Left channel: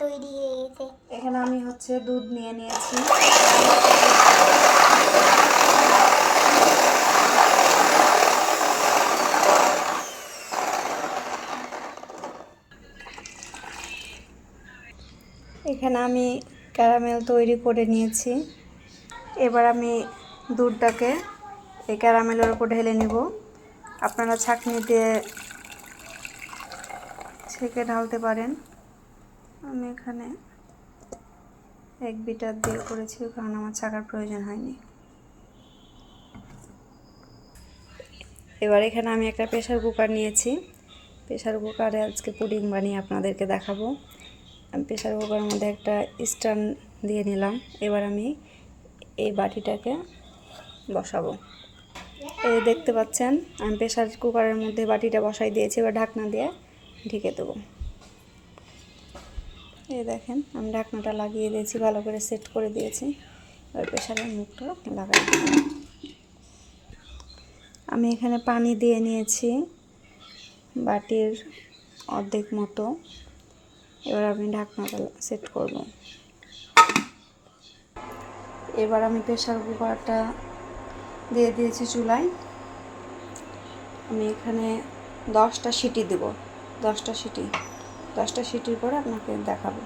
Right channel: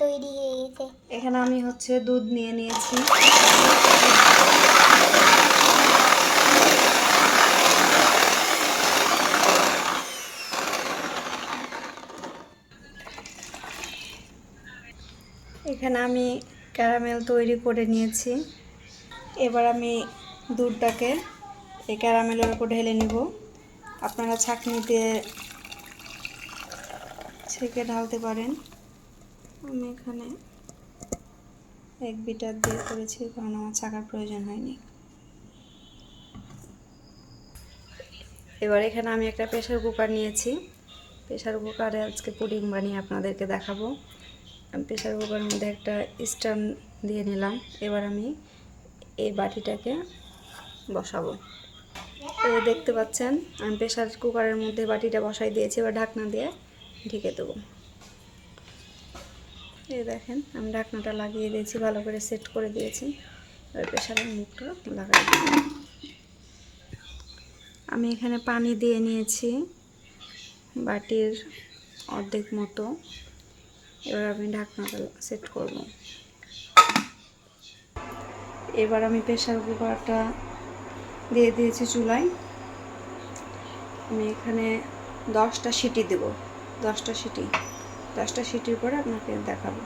তৈরি হয়ে গেছে। এখানে আমি হচ্ছে দুধ নিয়ে নিয়েছি। এখানে আমি ক্যারামেল তৈরি করে নিয়েছি। এবার আমি দুধটাকে এই ক্যারামেলের উপর ঢেলে নিব। আপনারা ছাঁকনি দিয়ে ছেঁকে ঢালতে পারেন। আমি এখানে এক বিটার দিয়ে করেছি, কারণ আমার ছাঁকার প্রয়োজন হয়নি। এবার এখানে আমি একটা প্রেসার কুকার নিয়েছি। প্রেসার কুকারে আজকে পুডিং বানিয়ে আপনাদেরকে দেখাবো। আমি প্রেসার কুকারের মধ্যে একটা স্ট্যান্ড দিয়ে নিলাম। এবার আমি এই বাটিটাকে বসাবো। এই দেখতে পাচ্ছেন আমি প্রেসার কুকারের মধ্যে বাটিটা বসাই দিয়েছি। এবার ঢাকনা দিয়ে ঢেকে দেবো। এই দেখেন আমি ঢাকনাটা লাগিয়ে দিয়েছি, ভালো করে সেট করে দিয়েছি। এবার প্রেসারের মুখটা লাগাই দেব। আমি এখানে পানি দিয়ে নিয়েছি বাটির অর্ধেক মতো। এবার আমি ঢাকনাটা সেট করব। এবার আমি প্রেসার কুকারটা দিয়ে দিয়েছি চুলায়। আমি এখানে 10টা সিটি দেব। 10টা সিটির পরে আপনাকে দেখাবো।